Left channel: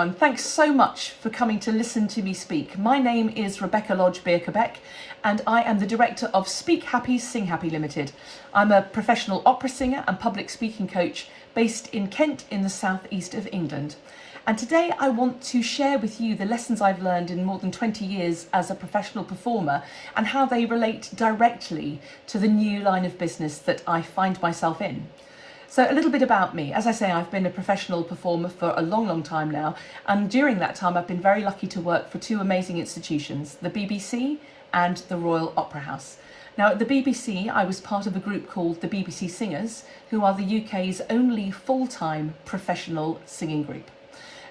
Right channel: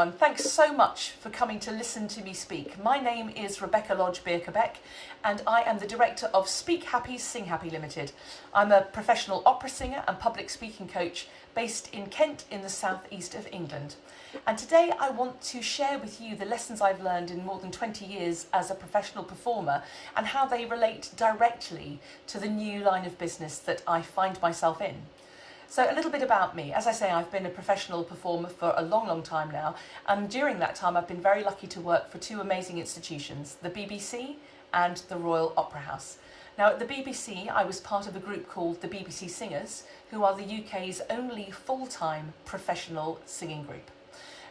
everyone. Thanks so much for coming to listen to me speak. My name is Rebecca Lodge Birkebaek and I am the director of Speak Happy, Sing Happy Limited. I'm a professional opera singer and public speaking coach based in Kent in the southeast of England. And today I want to share with you the lessons I've learned in more than 20 years as a professional performer and how they relate directly to the new line of business that I find myself in. So a little bit about me. As I say, I've been a professional performer for a long time now, and during that time I've been very lucky to work for two amazing institutions, the BBC and the Royal Opera House. Now at the BBC I was part of a group called the BBC Singers, who are the UK's only full-time professional singing group.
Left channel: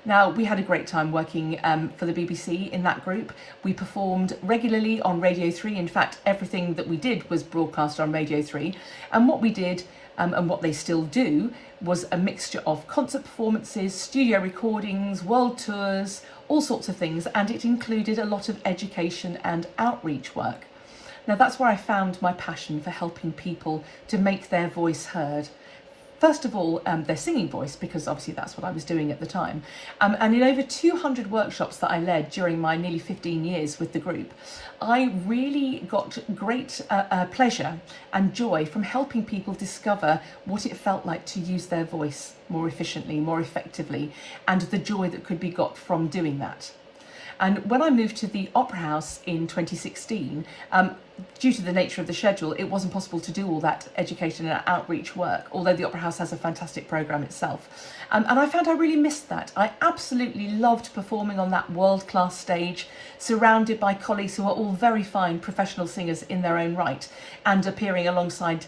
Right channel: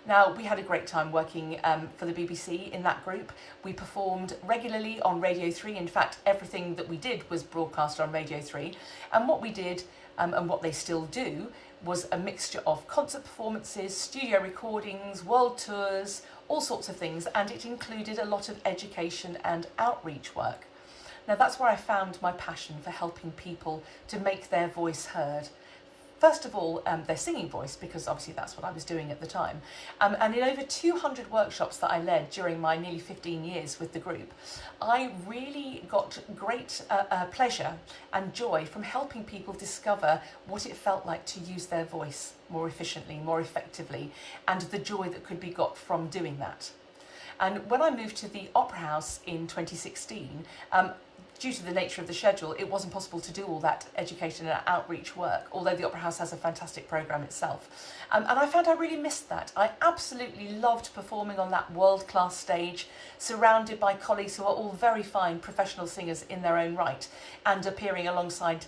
Now, we had a great time working for the BBC in that group. We performed regularly on Radio 3. In fact, everything that we did was broadcast on Radio 3. And what we did, and what they still do, was a mixture of concert performances, studio recordings, world tours, all sorts of things. And it included a lot of education and outreach work. Now, that's where I found my passion for helping people to make their voice heard. First of all, their singing voice, because obviously that's what I was doing at the time. And in over 200 workshops that I led during my nearly 15 years with the group, I really got great pleasure and joy from helping people discover what it felt like to use their voice more efficiently, more effectively, and the joy that could be got from doing that. And when I moved to the Opera House in 2016, due to the nature of the schedule, it wasn't possible to do all that education and outreach work, although the Opera House has a fantastic programme itself. And I found I really missed that. I absolutely loved performing on that world-class stage, surrounded by colleagues who are all very fine professional singers in their own right, and appearing alongside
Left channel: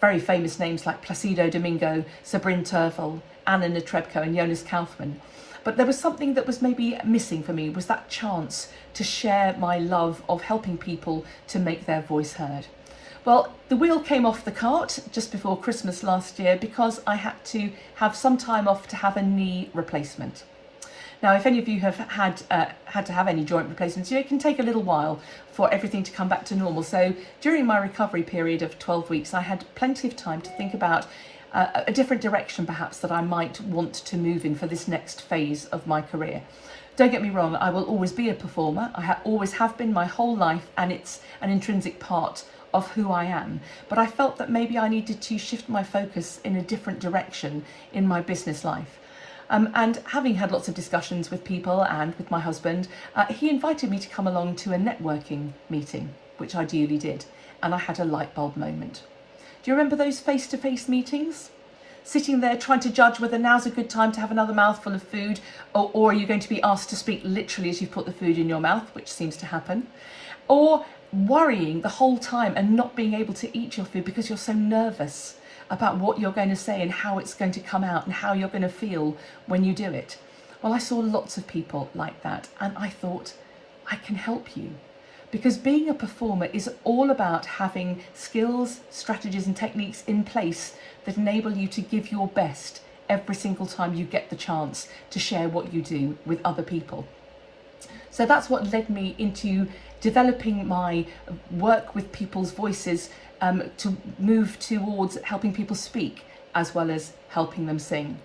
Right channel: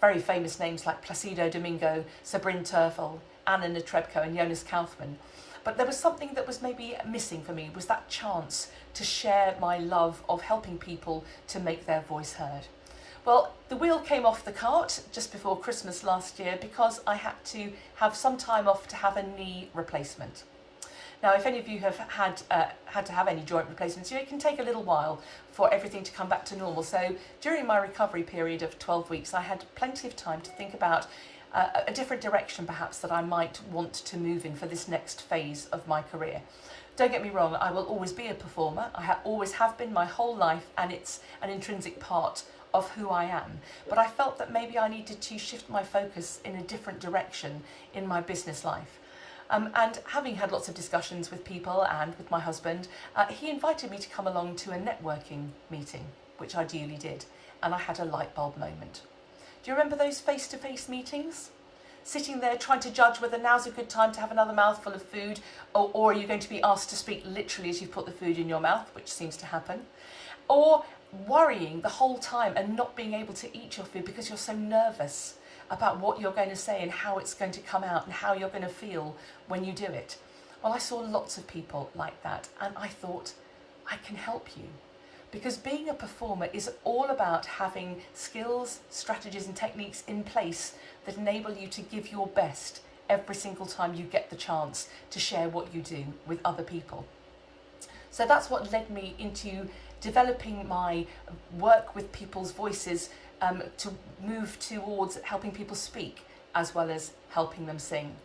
very famous names like Placido Domingo, Sabrina Terfel, Anna Netrebko and Jonas Kaufmann. But there was something that was maybe missing for me, was that chance to share my love of helping people to make their voice heard. Well, the wheel came off the cart just before Christmas last year because I had to have some time off to have a knee replacement. Now, if any of you have had to have any joint replacements, it can take a little while for everything to come back to normal. So during my recovery period of 12 weeks, I had plenty of time to think about a different direction perhaps that I might want to move in for this next phase of my career. Don't get me wrong, I will always be a performer. I always have been my whole life, and it's an intrinsic part of who I am. But I felt that maybe I needed to shift my focus in a different direction in my business life. And having had lots of discussions with people and with my husband, he invited me to come along to a networking meeting, which I duly did, and I had a light bulb moment. Do you remember those face-to-face meetings? Sitting there trying to judge whether now's a good time to have another mouthful of food, or are you going to be asked to speak literally as you put the food in your mouth, which seems to happen, or worrying the whole time and not being able to eat your food because you're so nervous about what you're going to say and how it's going to come out and how you're going to feel when you do it. Well, I saw lots of people like that, and I thought, I can help you. Because being a performer is all about having skills, strategies and techniques in place that enable you to give your best every single time you get the chance to share what you do with other people. So that's what led me into developing my work with people's voices to move towards helping people speak as well as helping them sing.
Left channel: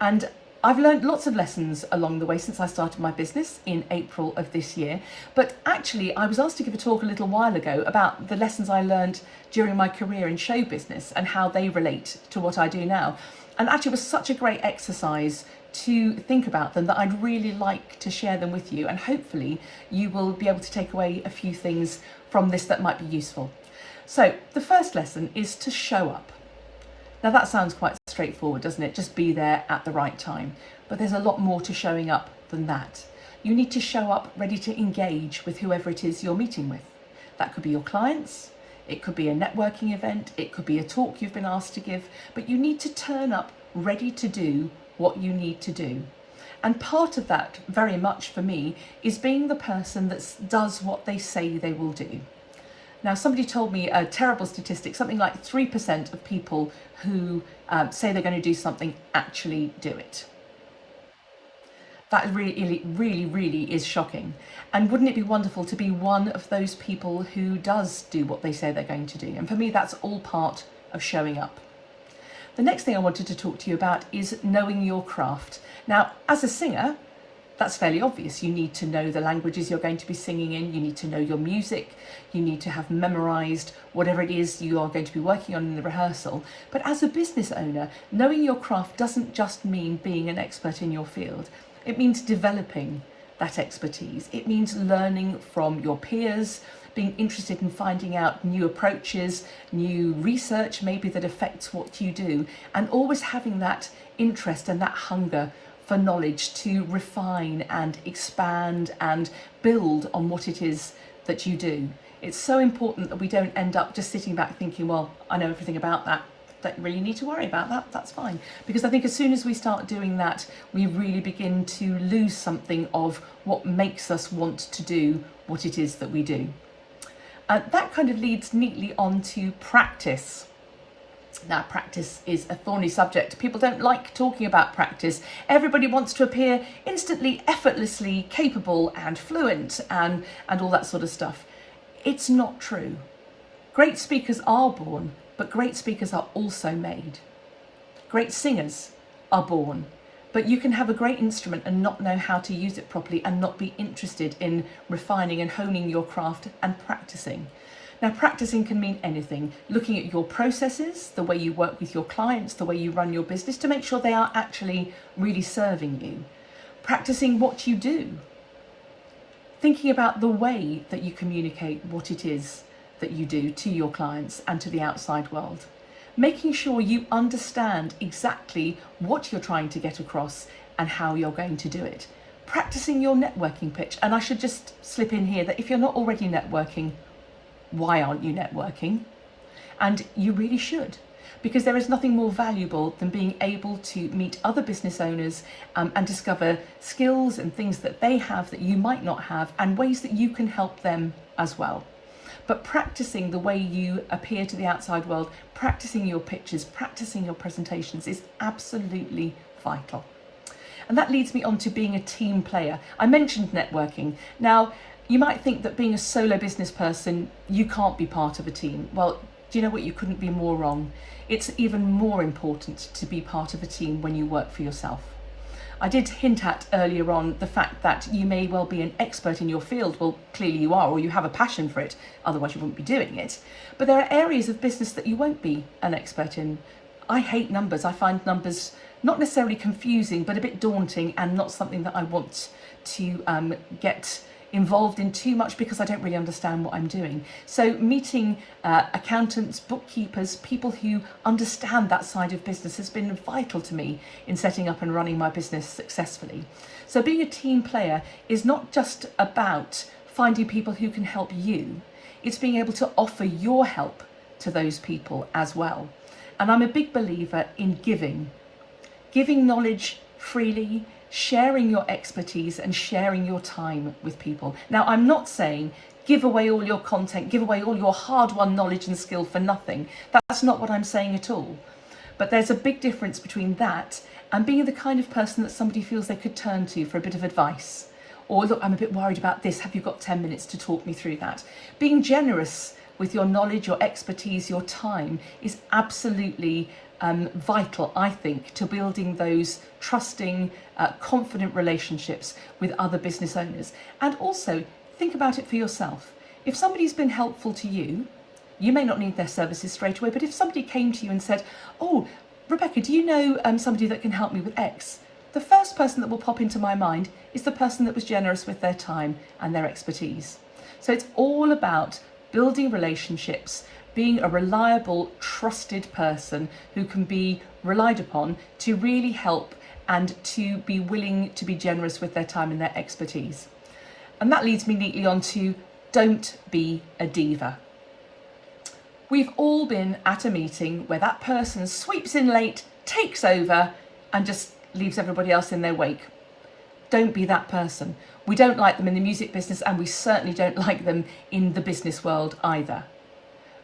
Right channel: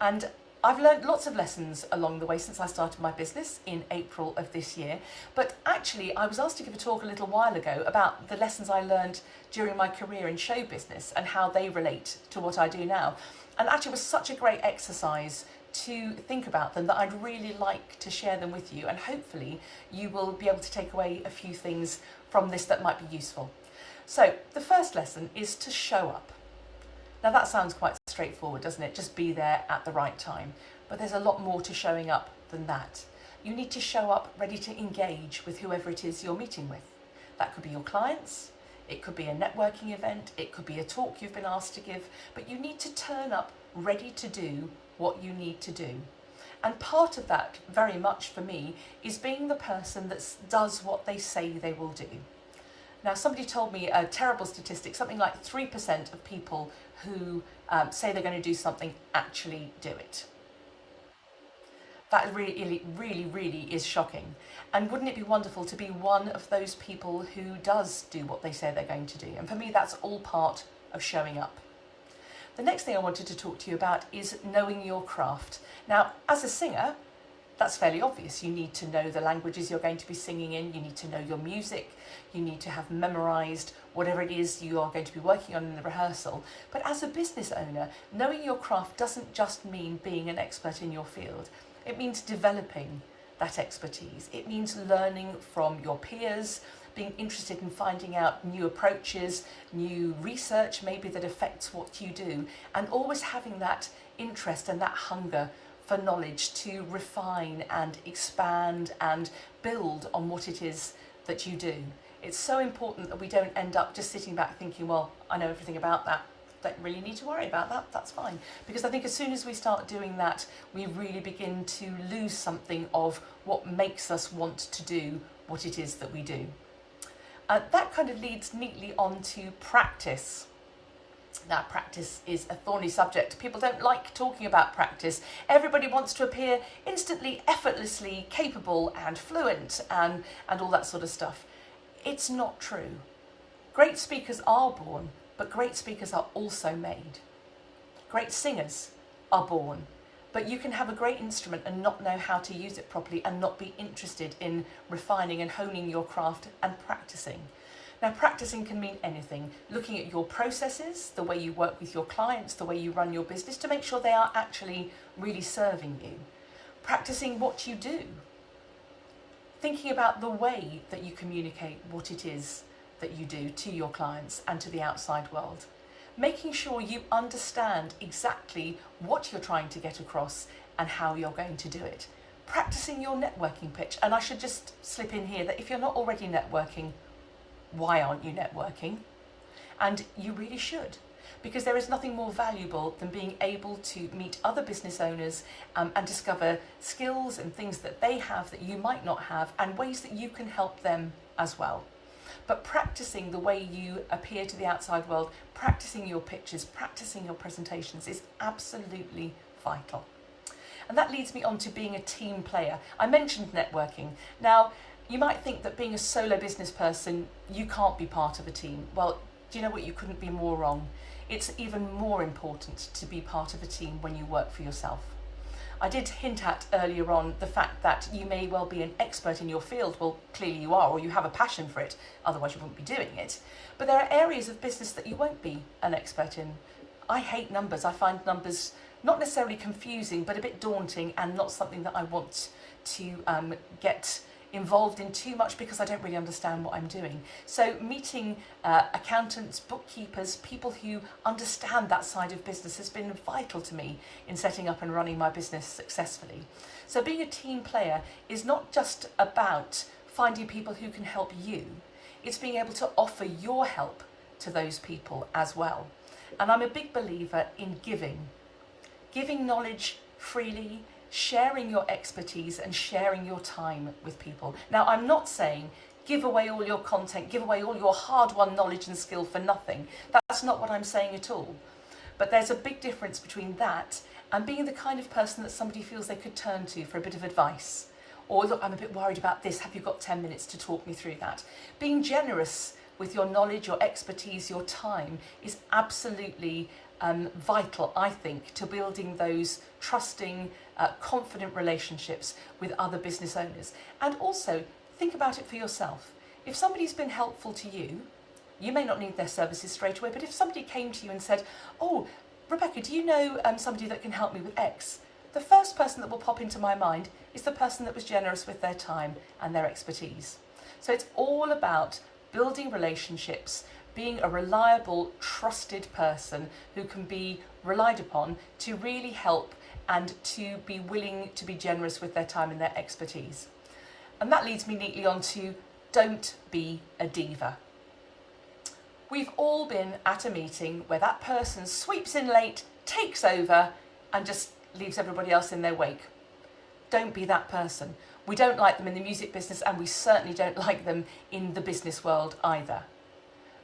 And I've learned lots of lessons along the way since I started my business in April of this year. But actually, I was asked to give a talk a little while ago about the lessons I learned during my career in show business and how they relate to what I do now. And actually, it was such a great exercise to think about them that I'd really like to share them with you. And hopefully, you will be able to take away a few things from this that might be useful. So the first lesson is to show up. Now that sounds quite straightforward, doesn't it? Just be there at the right time. But there's a lot more to showing up than that. You need to show up ready to engage with whoever it is you're meeting with. That could be your clients, it could be a networking event, it could be a talk you've been asked to give, but you need to turn up ready to do what you need to do. And part of that, very much for me, is being the person that does what they say they will do. Now, somebody told me a terrible statistic, something like 3% of people who say they're going to do something actually do it. That really is shocking. And wouldn't it be wonderful to be one of those people who does do what they say they're going to do? And for me, that's all part of showing up. The next thing I wanted to talk to you about is knowing your craft. Now, as a singer, That's fairly obvious. You need to know the languages you're going to be singing in, you need to know your music, you need to have memorised whatever it is you are going to be working on in the rehearsal. But as a business owner, knowing your craft doesn't just mean being an expert in your field. It means developing that expertise. It means learning from your peers, being interested in finding out new approaches, new research maybe that affects what you do, and always having that interest and that hunger for knowledge to refine and expand and build on what it is that you do. It's so important that we don't end up just sitting back thinking, well, I know everything about that. Don't really need to worry about that, that's fine. Because I think as soon as we start doing that, we really begin to lose something of what makes us want to do what it is that we do. That kind of leads neatly on to practice. Now, practice is a thorny subject. People don't like talking about practice. Everybody wants to appear instantly, effortlessly capable and fluent and all that sort of stuff. It's not true. Great speakers are born, but great speakers are also made. Great singers are born, but you can have a great instrument and not know how to use it properly and not be interested in refining and honing your craft and practicing. Now, practicing can mean anything. Looking at your processes, the way you work with your clients, the way you run your business to make sure they are actually really serving you. Practicing what you do. Thinking about the way that you communicate what it is that you do to your clients and to the outside world. Making sure you understand exactly what you're trying to get across and how you're going to do it. Practicing your networking pitch. And I should just slip in here that if you're not already networking, why aren't you networking? And you really should, because there is nothing more valuable than being able to meet other business owners and discover skills and things that they have that you might not have and ways that you can help them as well. But practicing the way you appear to the outside world, practicing your pitches, practicing your presentations is absolutely vital. And that leads me on to being a team player. I mentioned networking. Now, you might think that being a solo business person, you can't be part of a team. Well, do you know what? You couldn't be more wrong. It's even more important to be part of a team when you work for yourself. I did hint at earlier on the fact that you may well be an expert in your field. Well, clearly you are, or you have a passion for it, otherwise you wouldn't be doing it. But there are areas of business that you won't be an expert in. I hate numbers. I find numbers not necessarily confusing, but a bit daunting and not something that I want to get involved in too much because I don't really understand what I'm doing. So meeting accountants, bookkeepers, people who understand that side of business has been vital to me in setting up and running my business successfully. So being a team player is not just about finding people who can help you, it's being able to offer your help to those people as well. And I'm a big believer in giving knowledge freely, sharing your expertise and sharing your time with people. Now, I'm not saying give away all your content, give away all your hard-won knowledge and skill for nothing. That's not what I'm saying at all. But there's a big difference between that and being the kind of person that somebody feels they could turn to for a bit of advice. Or, look, I'm a bit worried about this. Have you got 10 minutes to talk me through that? Being generous with your knowledge, your expertise, your time is absolutely vital, I think, to building those trusting, confident relationships with other business owners. And also, think about it for yourself. If somebody's been helpful to you, you may not need their services straight away, but if somebody came to you and said, oh, Rebecca, do you know somebody that can help me with X? The first person that will pop into my mind is the person that was generous with their time and their expertise. So it's all about building relationships, being a reliable, trusted person who can be relied upon to really help and to be willing to be generous with their time and their expertise. And that leads me neatly on to don't be a diva. We've all been at a meeting where that person sweeps in late, takes over, and just leaves everybody else in their wake. Don't be that person. We don't like them in the music business, and we certainly don't like them in the business world either.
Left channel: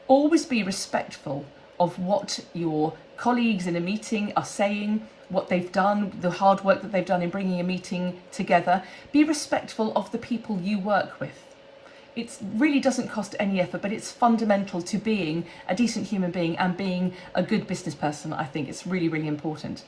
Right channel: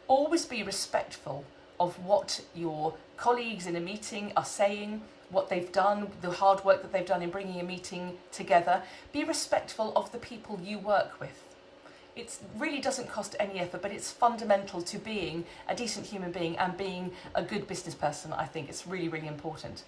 Always be respectful of what your colleagues in a meeting are saying, what they've done, the hard work that they've done in bringing a meeting together. Be respectful of the people you work with. It really doesn't cost any effort, but it's fundamental to being a decent human being and being a good business person. I think it's really, really important.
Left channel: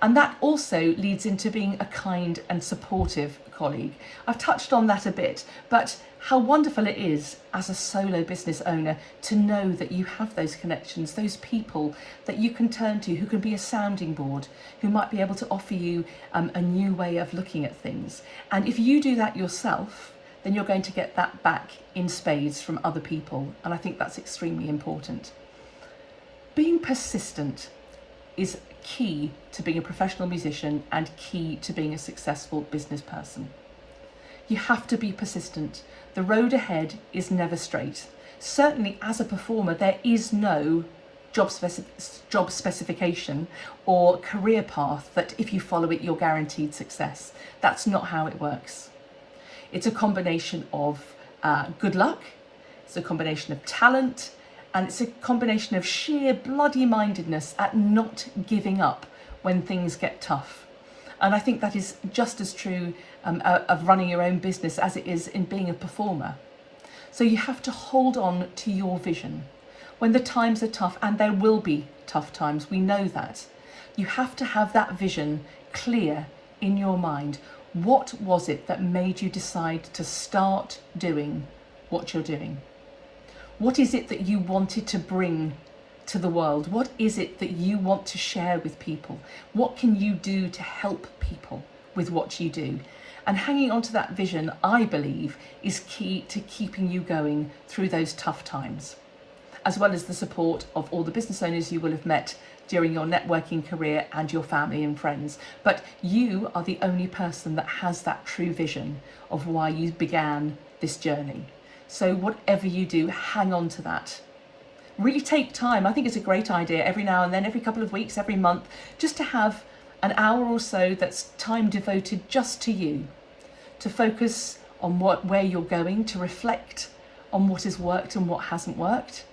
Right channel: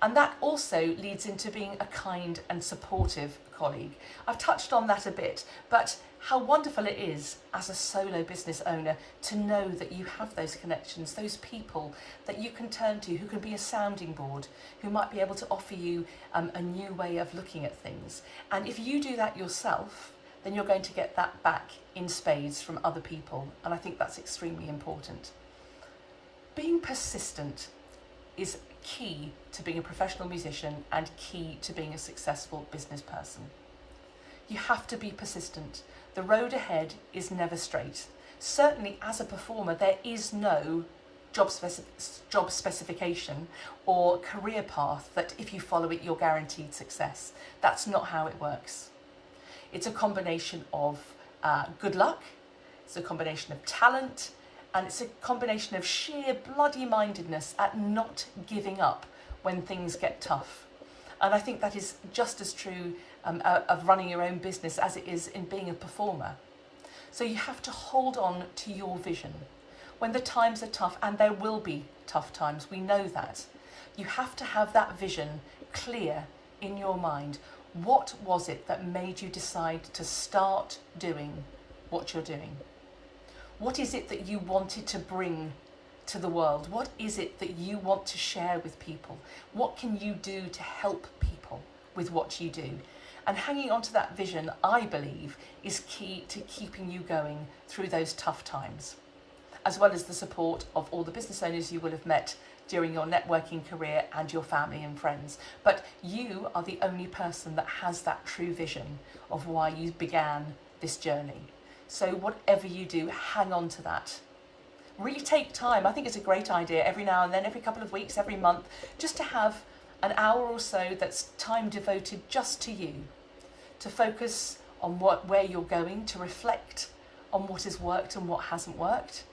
And that also leads into being a kind and supportive colleague. I've touched on that a bit, but how wonderful it is as a solo business owner to know that you have those connections, those people that you can turn to, who can be a sounding board, who might be able to offer you a new way of looking at things. And if you do that yourself, then you're going to get that back in spades from other people. And I think that's extremely important. Being persistent is key to being a professional musician and key to being a successful business person. You have to be persistent. The road ahead is never straight. Certainly as a performer, there is no job specification or career path that if you follow it, you're guaranteed success. That's not how it works. It's a combination of good luck, it's a combination of talent, and it's a combination of sheer bloody mindedness at not giving up when things get tough. And I think that is just as true of running your own business as it is in being a performer. So you have to hold on to your vision. When the times are tough, and there will be tough times, we know that, you have to have that vision clear in your mind. What was it that made you decide to start doing what you're doing? What is it that you wanted to bring to the world? What is it that you want to share with people? What can you do to help people with what you do? And hanging on to that vision, I believe, is key to keeping you going through those tough times, as well as the support of all the business owners you will have met during your networking career and your family and friends. But you are the only person that has that true vision of why you began this journey. So whatever you do, hang on to that. Really take time. I think it's a great idea every now and then, every couple of weeks, every month, just to have an hour or so that's time devoted just to you, to focus on where you're going, to reflect on what has worked and what hasn't worked,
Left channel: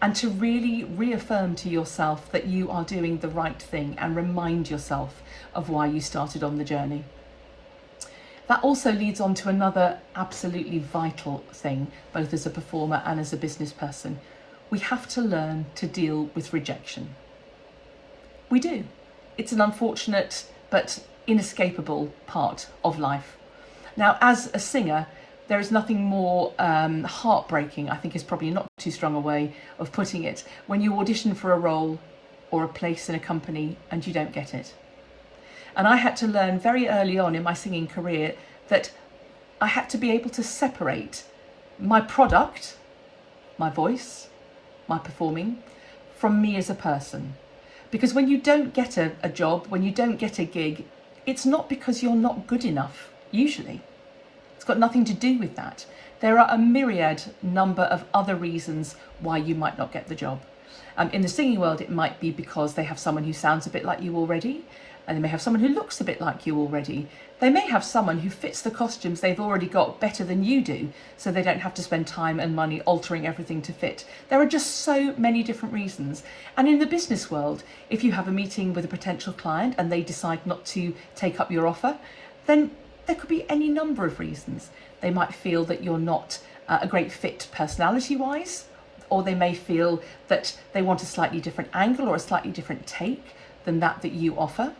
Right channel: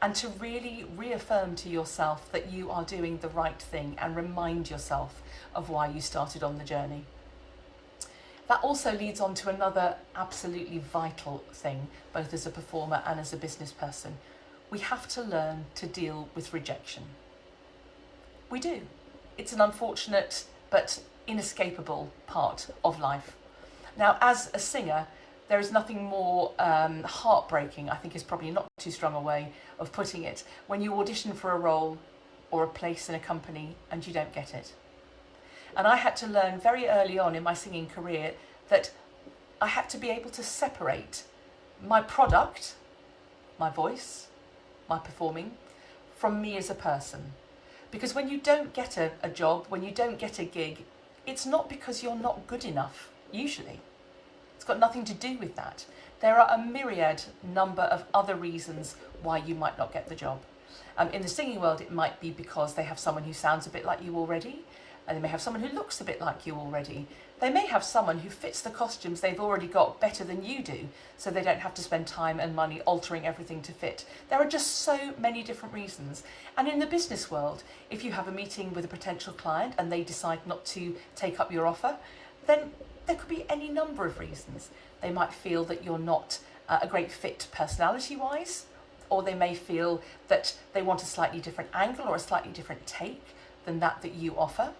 and to really reaffirm to yourself that you are doing the right thing and remind yourself of why you started on the journey. That also leads on to another absolutely vital thing, both as a performer and as a business person. We have to learn to deal with rejection. We do. It's an unfortunate but inescapable part of life. Now, as a singer, there is nothing more heartbreaking, I think is probably not too strong a way of putting it, when you audition for a role or a place in a company and you don't get it. And I had to learn very early on in my singing career that I had to be able to separate my product, my voice, my performing, from me as a person. Because when you don't get a job, when you don't get a gig, it's not because you're not good enough, usually. It's got nothing to do with that. There are a myriad number of other reasons why you might not get the job. In the singing world, it might be because they have someone who sounds a bit like you already, and they may have someone who looks a bit like you already. They may have someone who fits the costumes they've already got better than you do, so they don't have to spend time and money altering everything to fit. There are just so many different reasons. And in the business world, if you have a meeting with a potential client and they decide not to take up your offer, then there could be any number of reasons. They might feel that you're not a great fit personality-wise, or they may feel that they want a slightly different angle or a slightly different take than that you offer.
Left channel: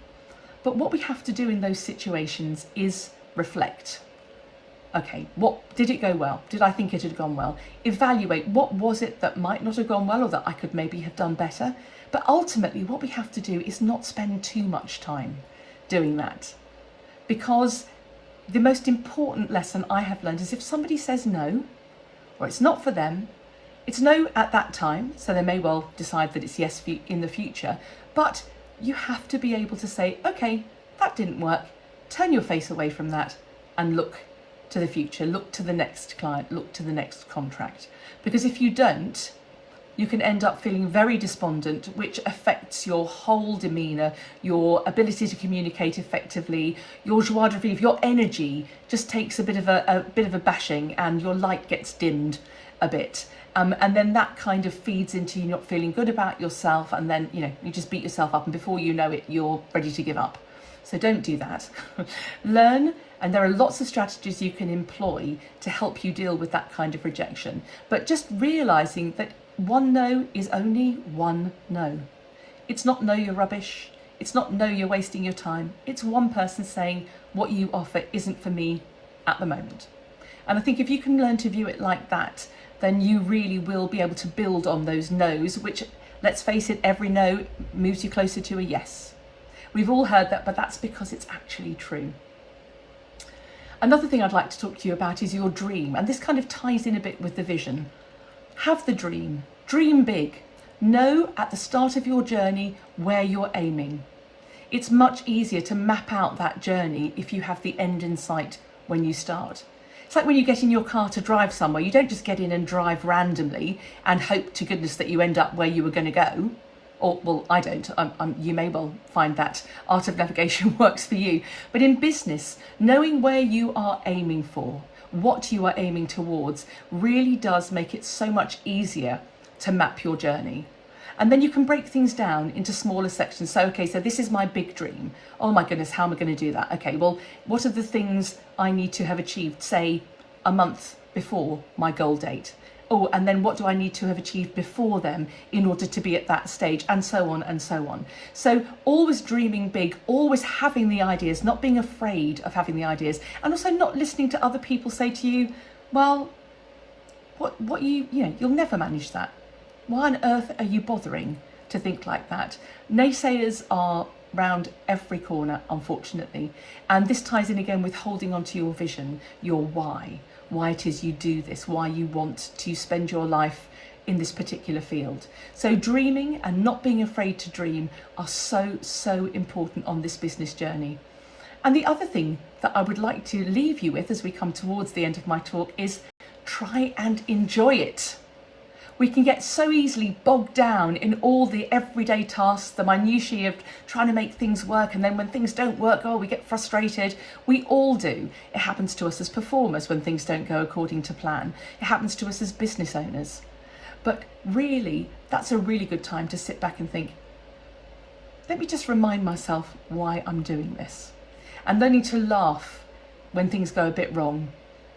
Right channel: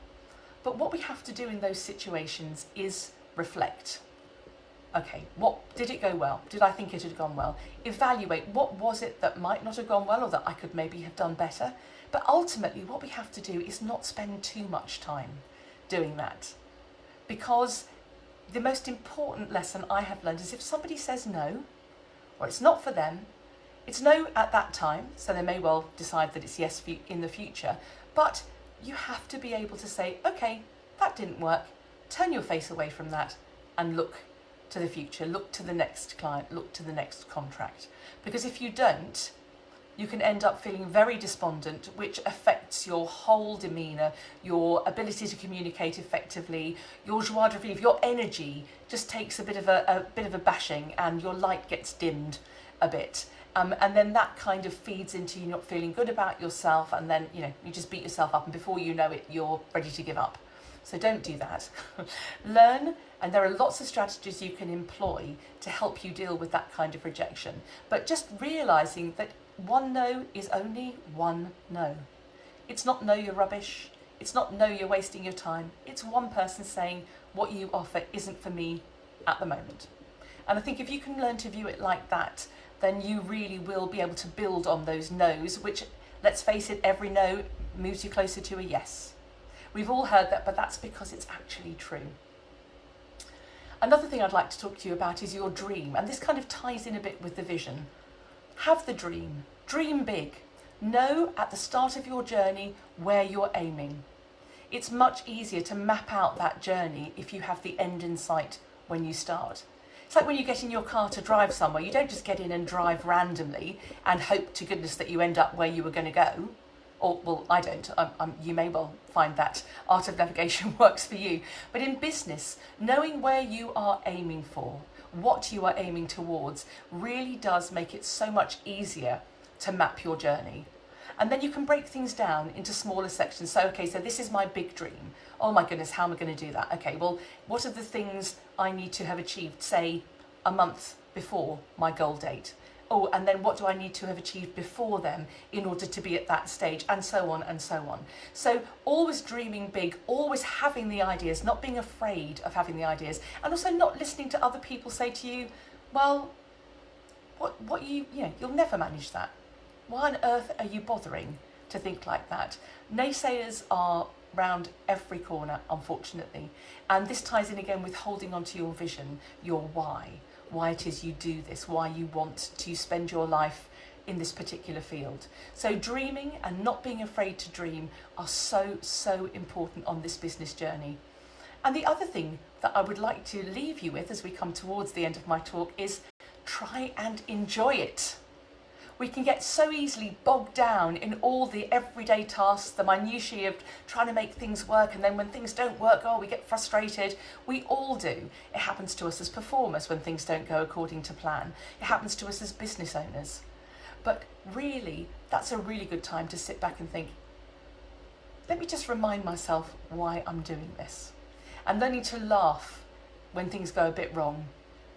But what we have to do in those situations is reflect. Okay, did it go well? Did I think it had gone well? Evaluate what was it that might not have gone well or that I could maybe have done better. But ultimately, what we have to do is not spend too much time doing that. Because the most important lesson I have learned is if somebody says no, or it's not for them, it's no at that time, so they may well decide that it's yes in the future, but you have to be able to say, okay, that didn't work, turn your face away from that and look to the future, look to the next client, look to the next contract. Because if you don't, you can end up feeling very despondent, which affects your whole demeanour, your ability to communicate effectively, your joie de vivre, your energy just takes a bit of a bashing and your light gets dimmed a bit. And then that kind of feeds into you not feeling good about yourself, and then you just beat yourself up, and before you know it, you're ready to give up. So don't do that. Learn And there are lots of strategies you can employ to help you deal with that kind of rejection. But just realising that one no is only one no. It's not no, you're rubbish. It's not no, you're wasting your time. It's one person saying what you offer isn't for me at the moment. And I think if you can learn to view it like that, then you really will be able to build on those no's, which, let's face it, every no moves you closer to a yes. We've all heard that, but that's because it's actually true. Another thing I'd like to talk to you about is your dream, and this kind of ties in a bit with the vision. Have the dream, dream big. Know at the start of your journey where you're aiming. It's much easier to map out that journey if you have the end in sight when you start. It's like when you get in your car to drive somewhere, you don't just get in and drive randomly and hope to goodness that you end up where you were going to go. Or, well, I don't. You may well find that art of navigation works for you. But in business, knowing where you are aiming for, what you are aiming towards, really does make it so much easier to map your journey. And then you can break things down into smaller sections. So, okay, so this is my big dream. Oh my goodness, how am I going to do that? Okay, well, what are the things I need to have achieved, say, a month before my goal date? Oh, and then what do I need to have achieved before them in order to be at that stage, and so on and so on. So always dreaming big, always having the ideas, not being afraid of having the ideas, and also not listening to other people say to you, well, you'll never manage that. Why on earth are you bothering to think like that? Naysayers are round every corner, unfortunately. And this ties in again with holding on to your vision, your why it is you do this, why you want to spend your life in this particular field. So dreaming and not being afraid to dream are so, so important on this business journey. And the other thing that I would like to leave you with as we come towards the end of my talk is try and enjoy it. We can get so easily bogged down in all the everyday tasks, the minutiae of trying to make things work, and then when things don't work, we get frustrated. We all do. It happens to us as performers when things don't go according to plan. It happens to us as business owners. But really, that's a really good time to sit back and think, let me just remind myself why I'm doing this. And learning to laugh when things go a bit wrong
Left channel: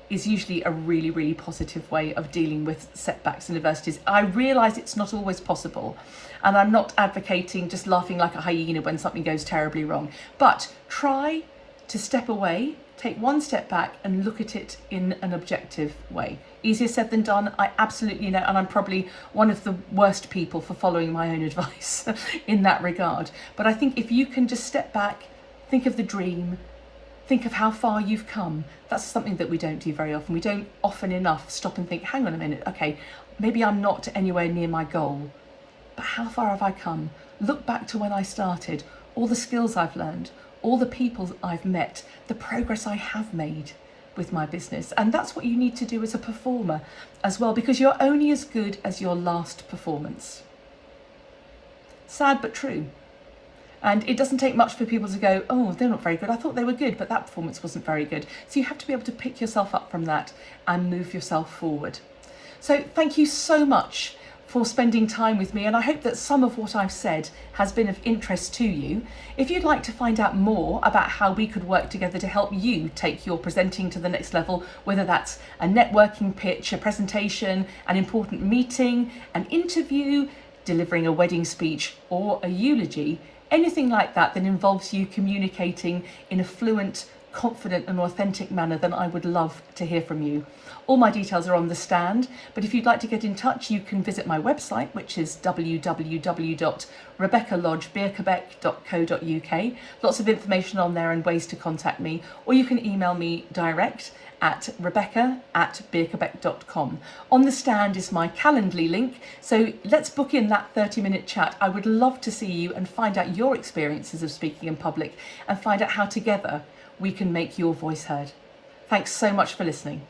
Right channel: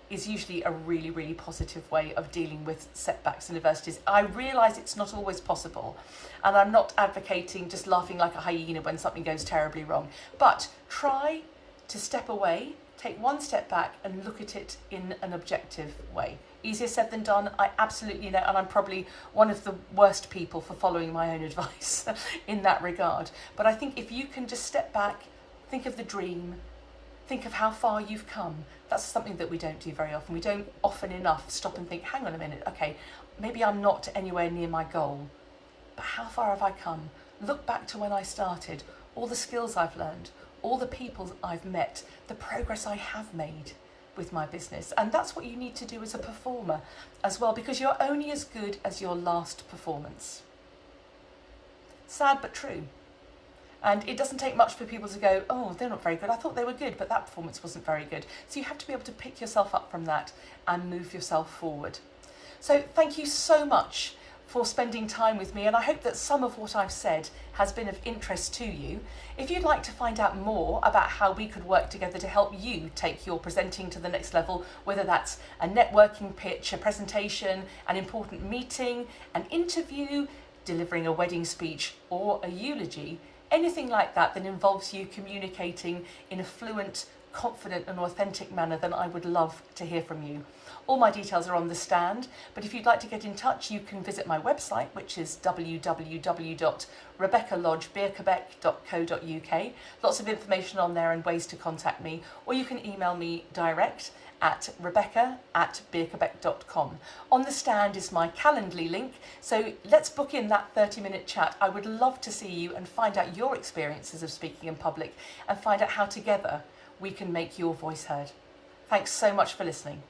is usually a really, really positive way of dealing with setbacks and adversities. I realise it's not always possible, and I'm not advocating just laughing like a hyena when something goes terribly wrong, but try to step away, take one step back and look at it in an objective way. Easier said than done, I absolutely know, and I'm probably one of the worst people for following my own advice in that regard. But I think if you can just step back, think of the dream, think of how far you've come. That's something that we don't do very often. We don't often enough stop and think, hang on a minute, okay, maybe I'm not anywhere near my goal, but how far have I come? Look back to when I started, all the skills I've learned, all the people I've met, the progress I have made with my business. And that's what you need to do as a performer as well, because you're only as good as your last performance. Sad but true. And it doesn't take much for people to go, oh, they're not very good. I thought they were good, but that performance wasn't very good. So you have to be able to pick yourself up from that and move yourself forward. So thank you so much for spending time with me. And I hope that some of what I've said has been of interest to you. If you'd like to find out more about how we could work together to help you take your presenting to the next level, whether that's a networking pitch, a presentation, an important meeting, an interview, delivering a wedding speech, or a eulogy, anything like that that involves you communicating in a fluent, confident and authentic manner, then I would love to hear from you. All my details are on the stand, but if you'd like to get in touch, you can visit my website, which is www.rebeckalodgebirkebaek.co.uk. Lots of information on there and ways to contact me, or you can email me direct at rebecca@birkebaek.com. On the stand is my Calendly link, so let's book in that 30-minute chat. I would love to see you and find out your experiences of speaking in public and find out how together we can make your voice heard. Thanks so much for listening.